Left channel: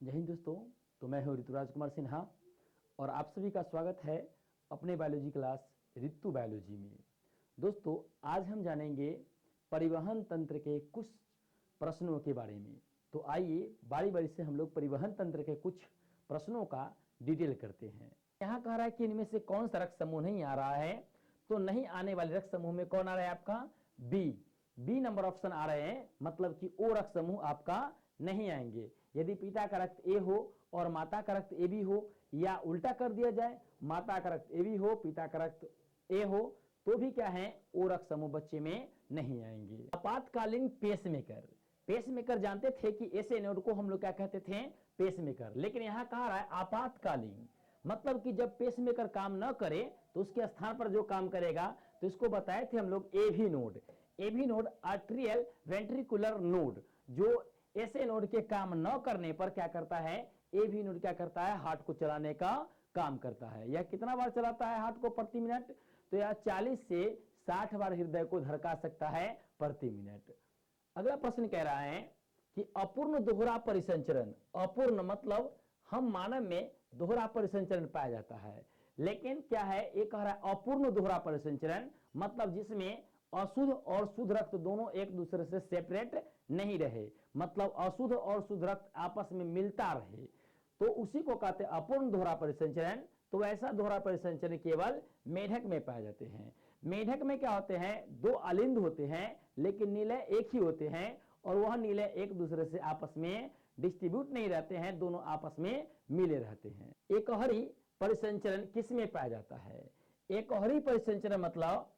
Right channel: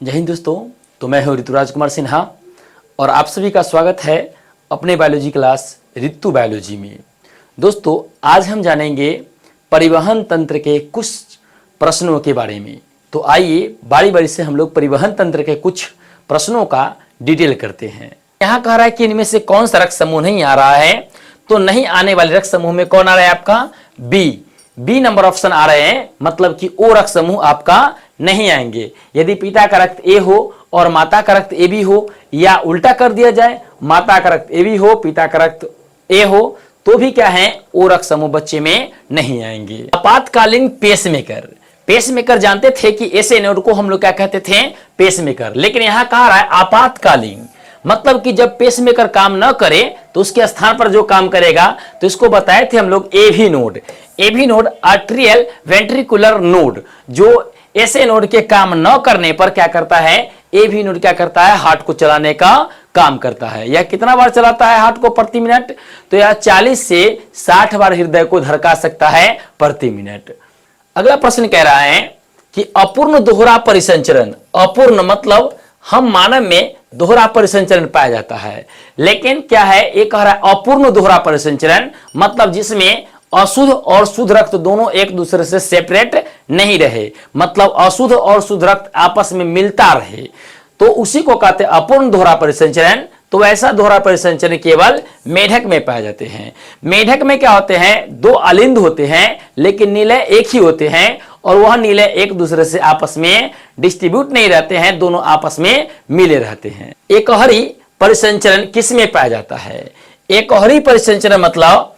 जय हिंद दोस्तों। तो मैं हूं ऋतुराज कुमार सिन्हा और आप सभी का स्वागत है अपने बायोलॉजी क्लास ऋतु बायोलॉजी में। दोस्तों, आज हम जानेंगे परिवहन तंत्र के कुछ प्रश्नों के बारे में। तो आइए बारी बारी से हम लोग परिवहन तंत्र के कुछ प्रश्नों का डिटेल करते हैं। यहाँ कह रहा है कि इनमें से कौन सा रक्त समूह नहीं आ रहा है। तो नहीं आने वाले रक्त समूह में कौन आ रहा है? आपका बी नंबर ऑप्शन आ रहे हैं, मतलब कि ओ रक्त समूह आपका नहीं आएंगे। यदि पिता का रक्त ए हो और माता का रक्त ए बी हो, या उल्टा कर दिया जाए, माता का रक्त ए बी हो पिता का रक्त ए हो, तो भी क्या है, ओ रक्त समूह बच्चे में नहीं आएंगे। आपातकालीन पेसमेकर, पेसमेकर जानते थे कि ऐसे नोड को हम लोग क्या कहते थे? पेसमेकर। लेकिन यहां कहा रहा है आपातकालीन, मतलब कि जब पेसमेकर काम न करे तो उसके स्थान पर जो काम करेगा, तो इसको बताए थे हम लोग AV node. AV node atrial ventricular node, जो ऐसे नोड के काम न करने पर क्या करता है? एवी नोड क्या करता है? हार्ट को चलाने का काम करता है। यह कितना बार चलाता है हार्ट को प्रति मिनट? तो यह 40 से 60 बार हृदय को धड़का सकता है प्रति मिनट। अगला प्रश्न कह रहा है कि अपूर्ण दोहरा परिसंचरण। अपूर्ण मतलब हम मानव में दोहरा परिसंचरण पाया जाता है, लेकिन क्या है, एक कह रहा है अपूर्ण दोहरा परिसंचरण, मतलब जिसमें अशुद्ध और शुद्ध रक्त दोनों एक दूसरे से सेपरेट नहीं रहे, मतलब अशुद्ध और शुद्ध रक्त आपस में मिलता रहे, तो उसी को कहते हैं अपूर्ण दोहरा परिसंचरण। तो ऐसा दोहरा परिसंचरण केवल मेढक में पाए जाते हैं। मेढक में क्या होते हैं? दो अलिंद होते हैं, लेकिन निलय एक ही होते हैं, और वह निलय एक दूसरे से आपस में डिस्ट्रीब्यूट नहीं रहते हैं, दोनों आपस में मिले रहते हैं। एकहरी परिसंचरण किस में पाया जाता है? एकहरी परिसंचरण मतलब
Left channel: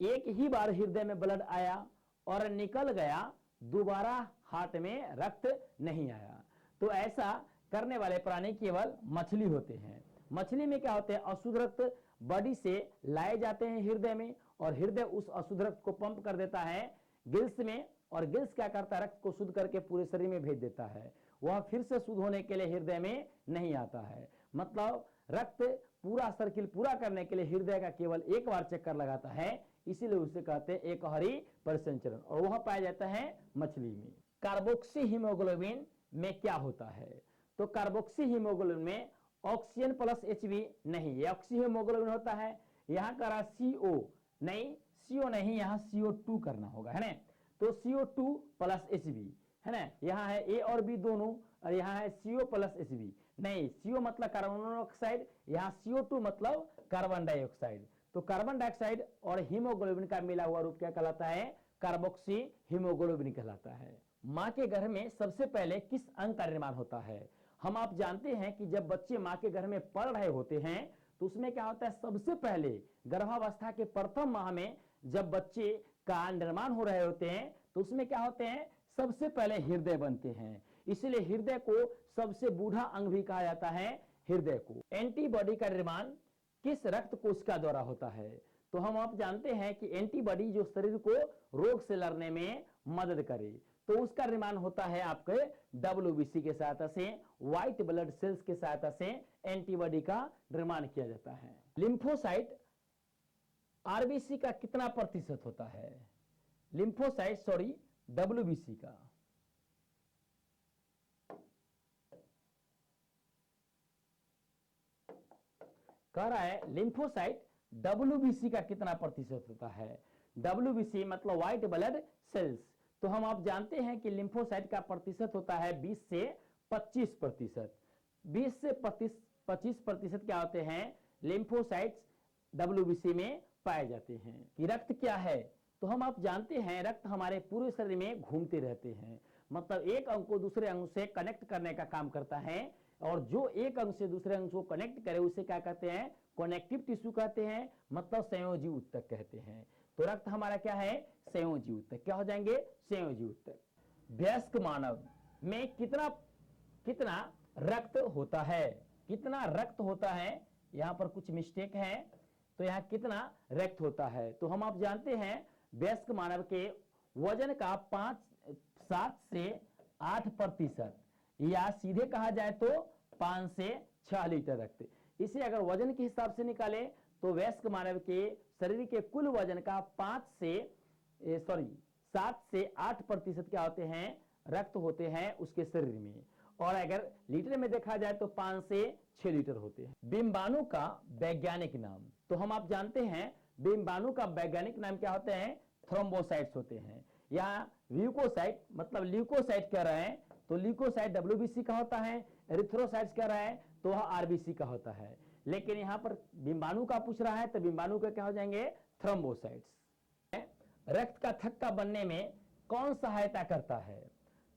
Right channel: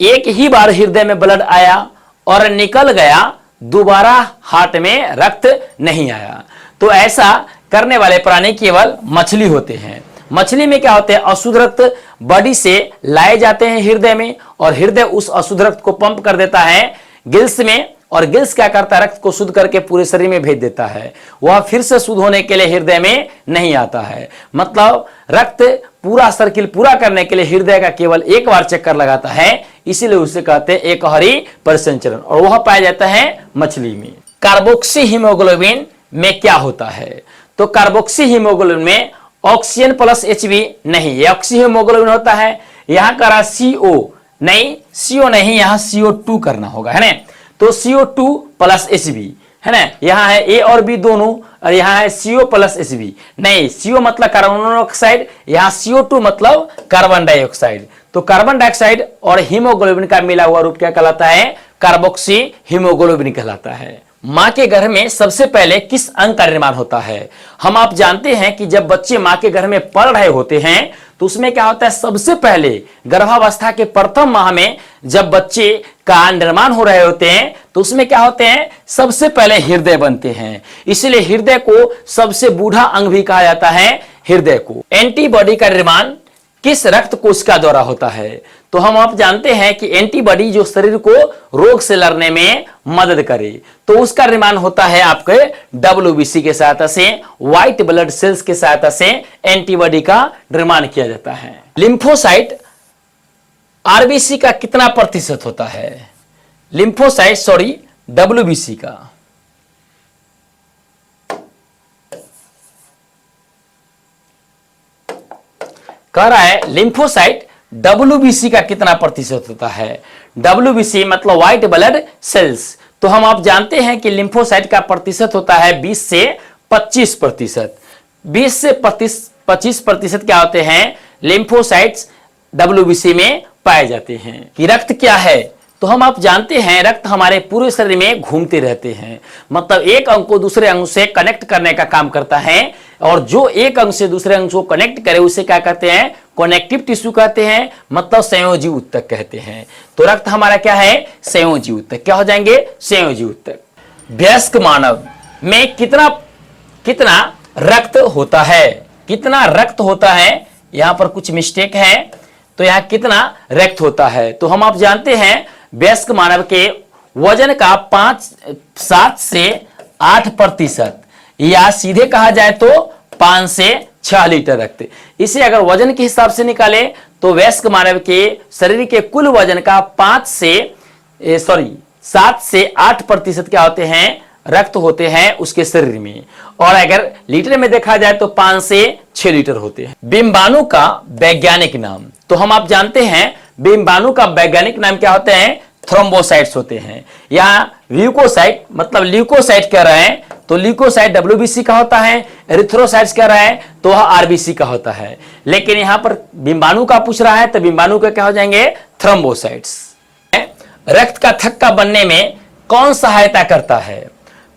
एक ही बार हृदय में ब्लड आया और निकल गया, दोबारा हार्ट में रक्त नहीं आया। तो ऐसा करने वाले प्राणी केवल मछली होते हैं। मछली में क्या होते हैं? अशुद्ध रक्त बॉडी से लाए जाते हैं हृदय में, और हृदय उस अशुद्ध रक्त को पंप कर देता है गिल्स में, और गिल्स क्या करता है? रक्त को शुद्ध करके पूरे शरीर में भेज देता है। वह फिर से शुद्ध होने के लिए हृदय में नहीं आता है। मतलब रक्त पूरा सर्किल पूरा करने के लिए हृदय का केवल एक बार चक्कर लगाता है, इसीलिए उसे कहते हैं एकहरी परिसंचरण, और वह पाया जाता है मछली में। कार्बोक्सी हीमोग्लोबिन में क्या होता है? तो कार्बोक्सी हीमोग्लोबिन में ऑक्सीजन प्लस HB नहीं, ये ऑक्सी हीमोग्लोबिन होता है। यहां करा CO नहीं, CO नहीं, यहां CO2 करना होगा, है ना। तो CO2 प्लस HB है ना, यहाँ है A और B दोनों, और यहाँ है CO प्लस HB नहीं, CO मतलब कार्बन मोनोऑक्साइड, यहाँ CO2 मतलब कार्बन डाइऑक्साइड। तो कार्बन डाइऑक्साइड और हीमोग्लोबिन का मिला हुआ रूप क्या कहलाता है? कार्बोक्सी हीमोग्लोबिन कहलाता है। मां के गर्भ में सबसे पहले किस अंग का निर्माण होता है? हम आप जानते हैं कि जब बच्चे मां के गर्भ में पल रहे होते हैं, तो उसमें क्या होता है? सबसे पहले गर्भावस्था के प्रथम माह में जब बच्चे का निर्माण हो रहे होते हैं, तो उसमें क्या होते हैं? सबसे पहले हृदय बनते हैं। इसलिए हृदय को सबसे बूढ़ा अंग भी कहा जाता है हृदय को। एंटीबॉडी का निर्माण किस रक्त कोशिका द्वारा होता है? तो हम आप जानते हैं कि एंटीबॉडी जो शरीर को रोग से लड़ने में मदद करे, तो उसका निर्माण होता है आपके WBC के सहायता से, व्हाइट ब्लड सेल्स के सहायता से एंटीबॉडी का निर्माण किया जाता है। लिम्फोसाइट RBC का कितना प्रतिशत होता है? लिम्फोसाइट WBC का कह रहा है लिम्फोसाइट WBC का कितना प्रतिशत होता है? WBC मतलब व्हाइट ब्लड सेल्स। तो हम आप जानते हैं कि लिम्फोसाइट का प्रतिशत होता है 20 से 25%। 20 से 25% क्या होते हैं? लिम्फोसाइट्स WBC में पाए जाते हैं। कि रक्त क्या है? तो हम आप जानते हैं रक्त हमारे पूरे शरीर में घूमते रहते हैं, मतलब एक अंग को दूसरे अंग से कनेक्ट करने का काम करता है, और जो एक अंग से दूसरे अंग को कनेक्ट करे उसे क्या कहते हैं? कनेक्टिव टिश्यू कहते हैं, मतलब संयोजी ऊतक कहते हैं। तो रक्त हमारा क्या है? संयोजी ऊतक। क्या हो जाएंगे? संयोजी ऊतक। वयस्क मानव में कितना रक्त होता है? कितना रक्त होता है? यहां पर कुछ मिस्टेक है, तो यहां कितना रक्त होता है? तो हम आप जानते हैं वयस्क मानव के वजन का 7 से 8%, या सीधे कहा जाए तो 5 से 6 लीटर रक्त। इसे अगर वजन के हिसाब से निकाले तो वयस्क मानव के शरीर के कुल वजन का 7 से 8% क्या होते हैं? रक्त होते हैं उसके शरीर में, और अगर लीटर में देखा जाए तो 5 से 6 लीटर होते हैं। बिंबाणु का वैज्ञानिक नाम, तो हम आप जानते हैं बिंबाणु का वैज्ञानिक नाम क्या होते हैं? थ्रोम्बोसाइट्स होते हैं। यहाँ ल्यूकोसाइट मतलब ल्यूकोसाइट कह रहे हैं तो ल्यूकोसाइट WBC का होता है, एरिथ्रोसाइट्स कह रहा है तो वह RBC का होता है। लेकिन यहां पर बिंबाणु का पूछ रहा है तो बिंबाणु का क्या हो जाएंगे? थ्रोम्बोसाइट्स। रक्त का थक्का बनने में कौन सहायता करता है?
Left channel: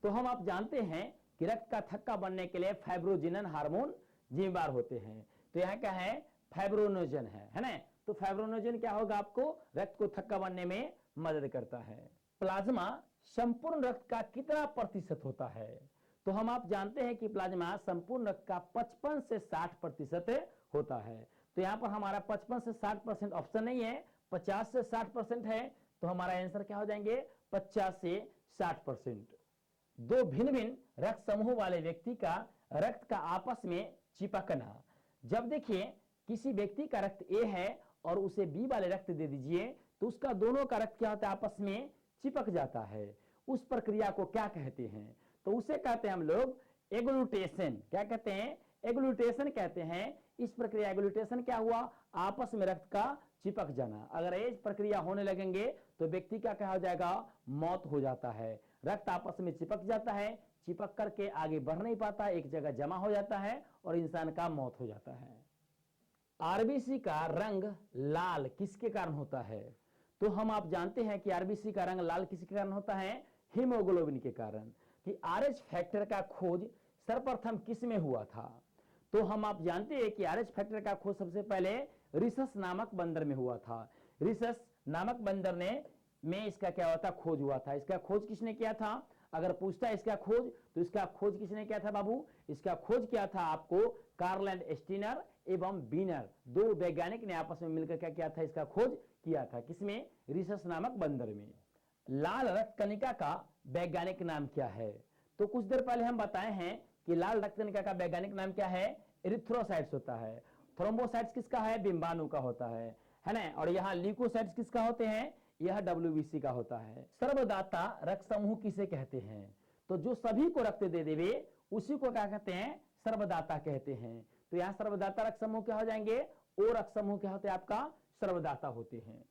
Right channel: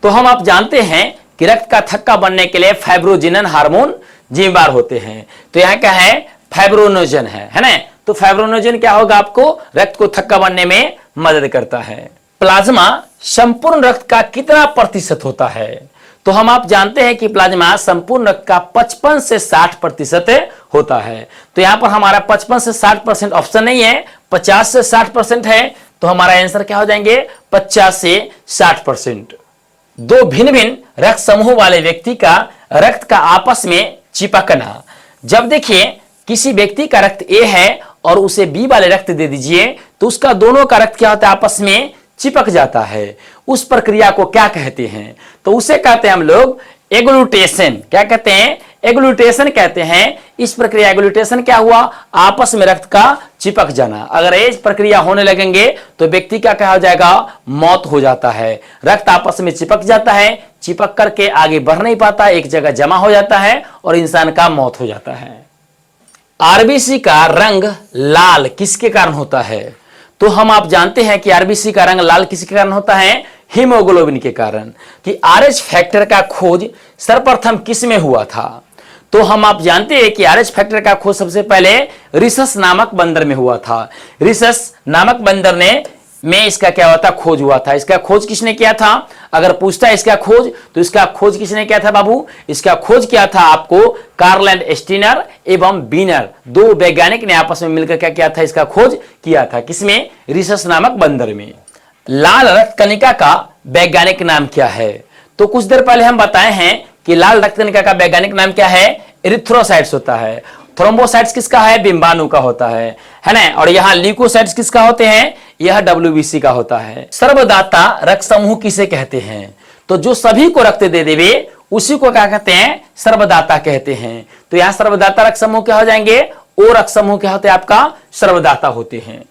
तो हम आप जानते हैं कि रक्त का थक्का बनने के लिए फाइब्रोजिनन हार्मोन जिम्मेदार होते हैं। तो यहाँ क्या है? फाइब्रोनोजन है ना। तो फाइब्रोनोजन क्या होगा? आपको रक्त को थक्का बनने में मदद करता है। प्लाज्मा संपूर्ण रक्त का कितना प्रतिशत होता है? तो हम आप जानते हैं कि प्लाज्मा संपूर्ण रक्त का 55 से 60% होता है। तो यहां पर हमारा 55 से 60% ऑप्शन नहीं है, 50 से 60% है। तो हमारा आंसर क्या हो जाएंगे? 50 से 60%। दो भिन्न भिन्न रक्त समूह वाले व्यक्ति का रक्त का आपस में चिपकना। जब देखिए किसी व्यक्ति का रक्त ए है और उसे बी वाले रक्त दे दीजिए तो उसका दोनों का रक्त क्या होता है? आपस में चिपक जाता है। उस प्रक्रिया को क्या कहते हैं? तो उसे कहते हैं हम लोग एग्लूटेशन। क्या कहते हैं? एग्लूटेशन कहते हैं। इस प्रक्रिया एग्लूटेशन क्या हुआ? आपस में रक्त का चिपक जाना। अगर ये प्रक्रिया होने लगेंगे तो व्यक्ति का क्या हो जाएगा? मौत हो जाता है। रक्त आपस में चिपक जाता है, चिपक करके आगे बढ़ नहीं पाता, एक जगह जमा हो जाता है और इंसान का मौत हो जाता है। RBC का रंग लाल किसके कारण होता है? तो हम आप जानते हैं कि RBC का रंग लाल किसके कारण होता है? हीमोग्लोबिन के कारण। कि RH फैक्टर का खोज सर्वप्रथम किस में हुआ था? तो हम आप जानते हैं कि RH फैक्टर का खोज सबसे पहले रिसस नामक बंदर में हुआ था। रिसस नामक बंदर में इसका क्या हुआ था? खोज हुआ था। इसका खोज किसने किया था? अगर पूछता है इसका खोज तो इसका खोज किसने किया था बाबू? इसका खोज किया था आपको कार्ल एंड स्टीनर एवं बीनर, दो वैज्ञानिक ने आपस में मिलकर क्या किया था? इसका खोज किया था। किसमें? रिसस नामक बंदर में। लाल रक्त कणिका का वैज्ञानिक नाम क्या है? तो कुछ देर पहले हम बताए हैं कि लाल रक्त कणिका का वैज्ञानिक नाम क्या है? एरिथ्रोसाइट्स होता है। थ्रोम्बोसाइट्स किसका है? बिंबाणु का होता है ना। और यहाँ ल्यूकोसाइट्स किसका होते हैं? यह WBC का होता है। सर्वदाता रक्त समूह किसे कहते हैं? तो जो सभी को रक्त दे देवे उसी को क्या कहते हैं? सर्वदाता कहते हैं। तो यहाँ सर्वदाता रक्त समूह क्या हो जाएंगे? ओ रक्त समूह क्या होते हैं? आपका सर्वदाता होते हैं।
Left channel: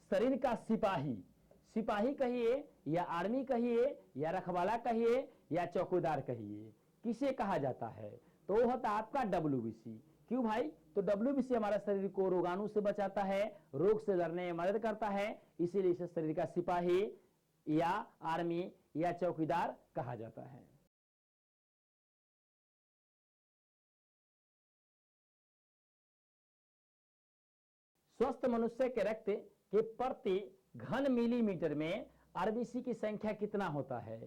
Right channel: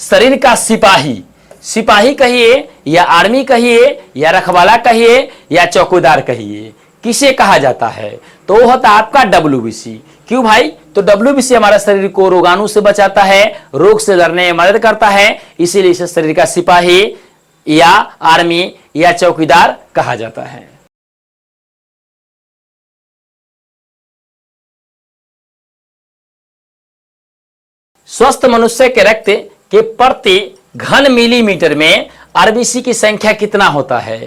शरीर का सिपाही, सिपाही कहिए या आर्मी कहिए या रखवाला कहिए या चौकीदार कहिए, किसे कहा जाता है? तो वो होता है आपका WBC। क्यों भाई? तो WBC हमारे शरीर को रोगाणु से बचाता है, रोग से लड़ने में मदद करता है, इसीलिए इसे शरीर का सिपाही या आर्मी या चौकीदार कहा जाता है। स्वस्थ मनुष्य के रक्त के प्रति घन मिलीमीटर में RBC की संख्या कितना होता है?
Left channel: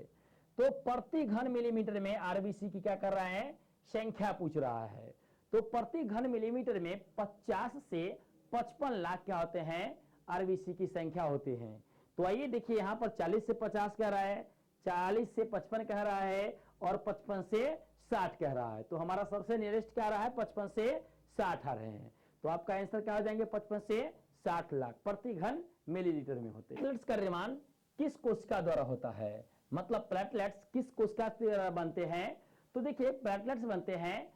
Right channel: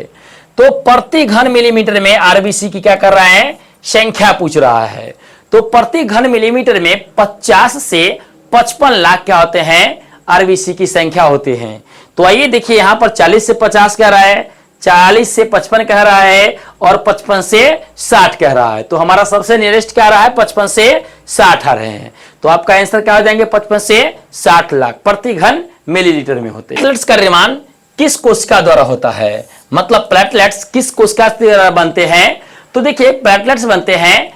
तो प्रति घन मिलीमीटर में RBC की क्या कर रहा है? संख्या पूछ रहा है। तो प्रति घन मिलीमीटर में 50 से 55 लाख क्या होते हैं? RBC की संख्या होते हैं। तो आइए देखिए यहाँ पर 40 से 50 कह रहा है, 40 से 55 कह रहा है और 55 से 60 कह रहा है। तो हमारा सबसे नियरेस्ट क्या आ रहा है? 55 से 60 आ रहे हैं। तो आपका आंसर क्या हो जाएंगे? 55 से 60 लाख प्रति घन मिलीलीटर में होते हैं। प्लेटलेट्स का निर्माण किस कोशिका द्वारा होता है? मतलब प्लेटलेट्स किस कोशिका द्वारा बनते हैं? तो देखिए प्लेटलेट्स बनते हैं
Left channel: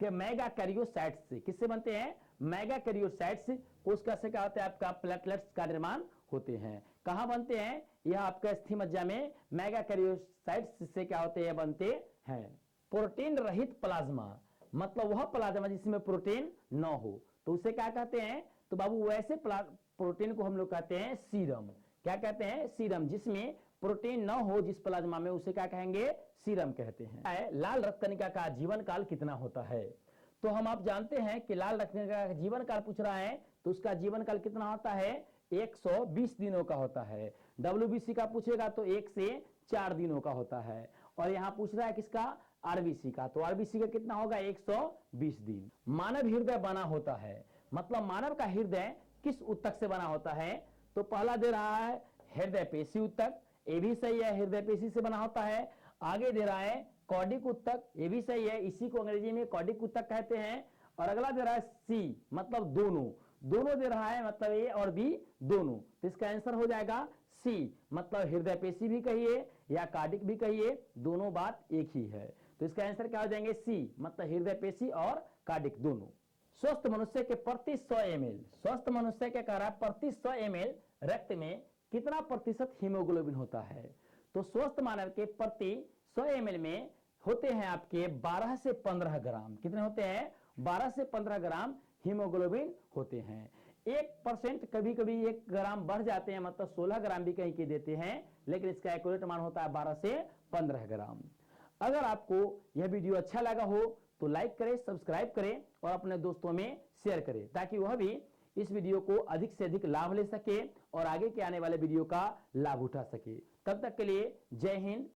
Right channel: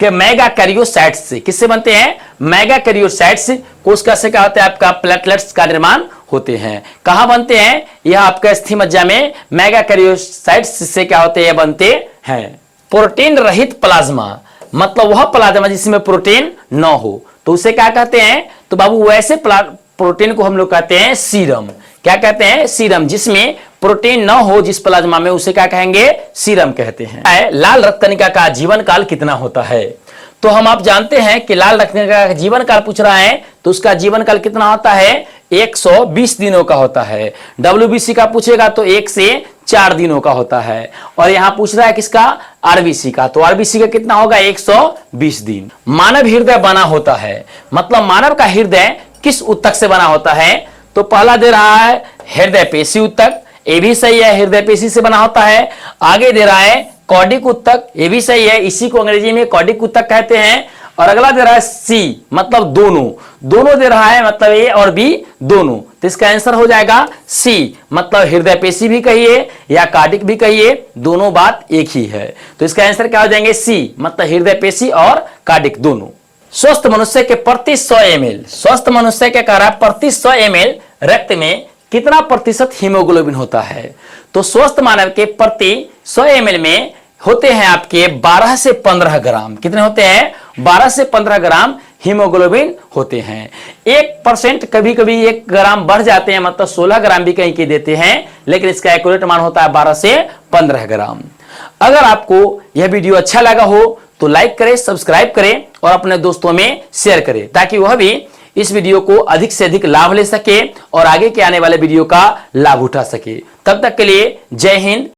कि मेगाकैरियोसाइट्स से। किससे बनते हैं? मेगाकैरियोसाइट्स कोशिका से क्या होता है? आपका प्लेटलेट्स का निर्माण होते हैं। कहां बनते हैं? यह आपका अस्थिमज्जा में मेगाकैरियोसाइट्स से क्या होते हैं? बनते हैं। प्रोटीन रहित प्लाज्मा मतलब वह प्लाज्मा जिसमें प्रोटीन न हो, तो उसे क्या कहते हैं? तो बाबू वैसे प्रोटीन को हम लोग कहते हैं सीरम। क्या कहते हैं? सीरम। जिसमें प्रोटीन न हो जिस प्लाज्मा में, उसे क्या कहेंगे? सीरम कहते हैं। लाल रक्त कणिका का जीवन काल कितना होता है? तो हम आप जानते हैं कि लाल रक्त कणिका का जीवन काल पूछ रहा है तो उसका जीवन काल कितना होता है? 120 दिनों का होता है। WBC का पूछेगा तो 1 से 4 दिनों का होता है। और यहां पूछ रहा है किसका? RBC का। तो RBC का कितना होगा? 120 दिन। मानव हृदय बना होता है, मतलब मानव का हृदय किस ऊतक से बना होता है? तो पहला दे रहा है हृदय पेशी ऊतक, ये भी सही है, हृदय पेशी से बना होता है। आगे दे रहा है कॉर्डिक ऊतक, ये भी सही है, इसी को अंग्रेजी में कॉर्डिक ऊतक कहते हैं। और अगला दे रहा है सी, मतलब दोनों, दोनों दे रहा है, मतलब ए और बी दोनों। तो इसका आंसर हो जाएगा सी, मतलब हृदय पेशी भी कहिए या कार्डिक भी कहिए, दोनों बात एक ही है। तो इसका आंसर क्या हो जाएंगे? सी, मतलब हृदय पेशी और कार्डिक दोनों। स्वस्थ मनुष्य के प्रति 100 ml, स्वस्थ मनुष्य के कह रहा है प्रति 100 ml रक्त में कितना प्रतिशत हीमोग्लोबिन होता है? तो स्वस्थ मानव के प्रति 100 ml में होते हैं आपके 12 से 15 ग्राम। कितने होते हैं? 12 से 15 ग्राम हीमोग्लोबिन होते हैं। 1% कभी कभी 1 ग्राम बढ़ जाते हैं, मतलब 16 ग्राम भी कहीं के देते हैं, लेकिन इसका एक्यूरेट मान होता है 12 से 15 ग्राम। अगर आपको यह वीडियो अच्छा लगा हो तो लाइक करें, सब्सक्राइब करें और अपने दोस्तों में शेयर करें, ताकि वह भी इस वीडियो को अधिक से अधिक लाभ ले सके और आगे के आने वाले वीडियो का लाभ उठा सके। तब तक के लिए जय हिंद,